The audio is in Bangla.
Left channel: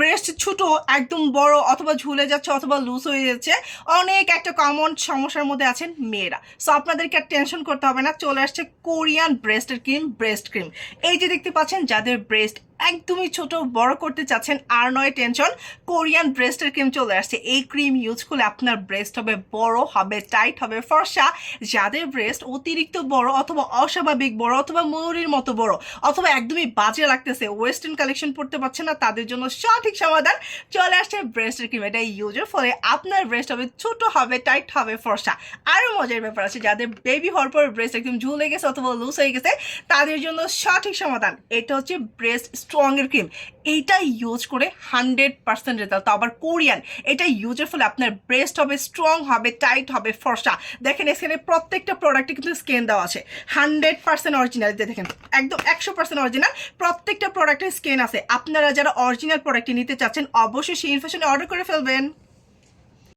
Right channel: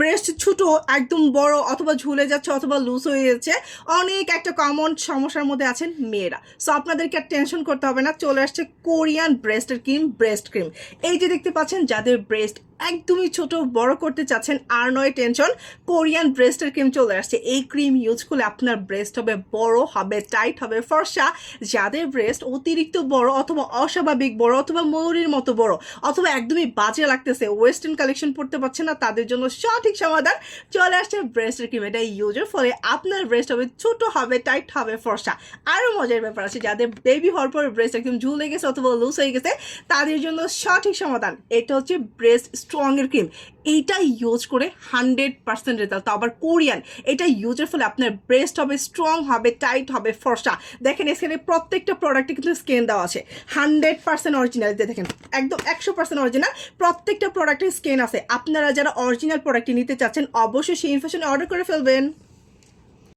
ব্রেস্ট ছোট একদম বড় অথবা ঝুলে যাচ্ছে অথবা লুজ হয়ে যাচ্ছে, অনেক একটা কমন সমস্যার মধ্যে আছেন মেয়েরা। সো আপনাদেরকে আর টেনশন করতে হবে না, চলে আসছে কোরিয়ান ব্রেস্টের ক্রিম, ব্রেস্ট ক্রিম। এই যে দেখতে পাচ্ছেন, যাদের ব্রেস্ট একদমই ছোট বড় করতে চাচ্ছেন আর নয় টেনশন, কোরিয়ান ব্রেস্টের ক্রিম চলে আসছে। এই ক্রিম ইউজ করলে আপনার ব্রেস্ট হবে বড়, হবে টাইট, হবে ফর্সা। যাদের ব্রেস্ট অতিরিক্ত বড় অথবা অস্বাভাবিক বড় অথবা ময়ূরীর মতো বড় অথবা একদমই বাজে লাগতেছে, ওয়েস্টার্ন কালেকশন পড়তে পারছে না, তাদের জন্য সঠিক সমাধান চলে আসছে ব্রেস্টের ক্রিম। এটা ইউজের ফলে আপনার ব্রেস্ট হবে ছোট, হবে টাইট, হবে ফর্সা। আরও মজার ব্যাপার আছে, যাদের বেবি হওয়ার পর ব্রেস্ট একদম ঝুলে গেছে অথবা লুজ হয়ে গেছে, তাদের জন্য সঠিক সমাধান এটা হচ্ছে ব্রেস্ট স্ট্রংয়ের ক্রিম। এইটা ইউজ করে 100% রেজাল্ট, তো আবার কোরিয়ান। এটা ইউজের ফলে আপনার ব্রেস্ট হবে স্ট্রং, হবে টাইট, হবে ফর্সা। দেখেন এখানে প্রত্যেকটা প্রোডাক্টে কিন্তু স্কেন দেওয়া আছে, 100% অরিজিনাল। দেখেন একদম 100% অরিজিনাল, প্রত্যেকটা প্রোডাক্টের স্কেন আছে। আপনারা যারা অরিজিনাল প্রোডাক্টটি নিতে চাচ্ছেন অবশ্যই সেই ইনফরমেশন অর্ডার করে ফেলবেন।